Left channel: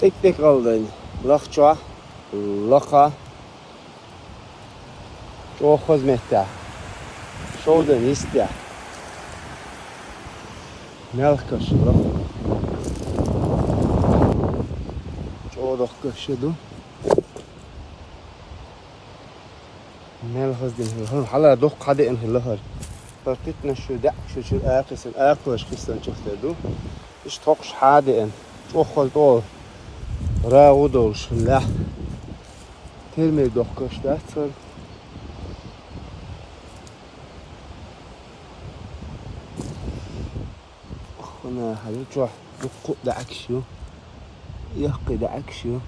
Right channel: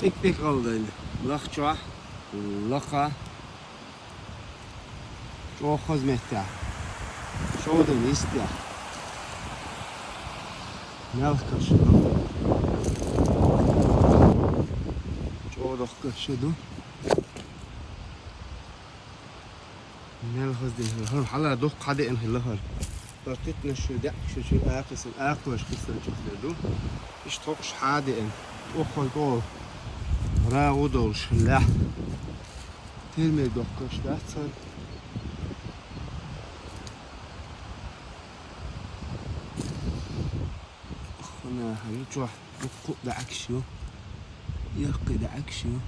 Tek aldın. Нохча, лока. Çok hizmette. Şovdan iste. Melhkas lok. Çok kaşıdı. Melhkas değil. Hala dok kadein hilahar. Partitna şu da şu ayakısın ayakmış kısın çıktı. İş tokş hadein. Çok kolto. Rağudol şunla. Terme dok kaşta sır. أنا هرجع دقق دعك شو يحكي دعك شو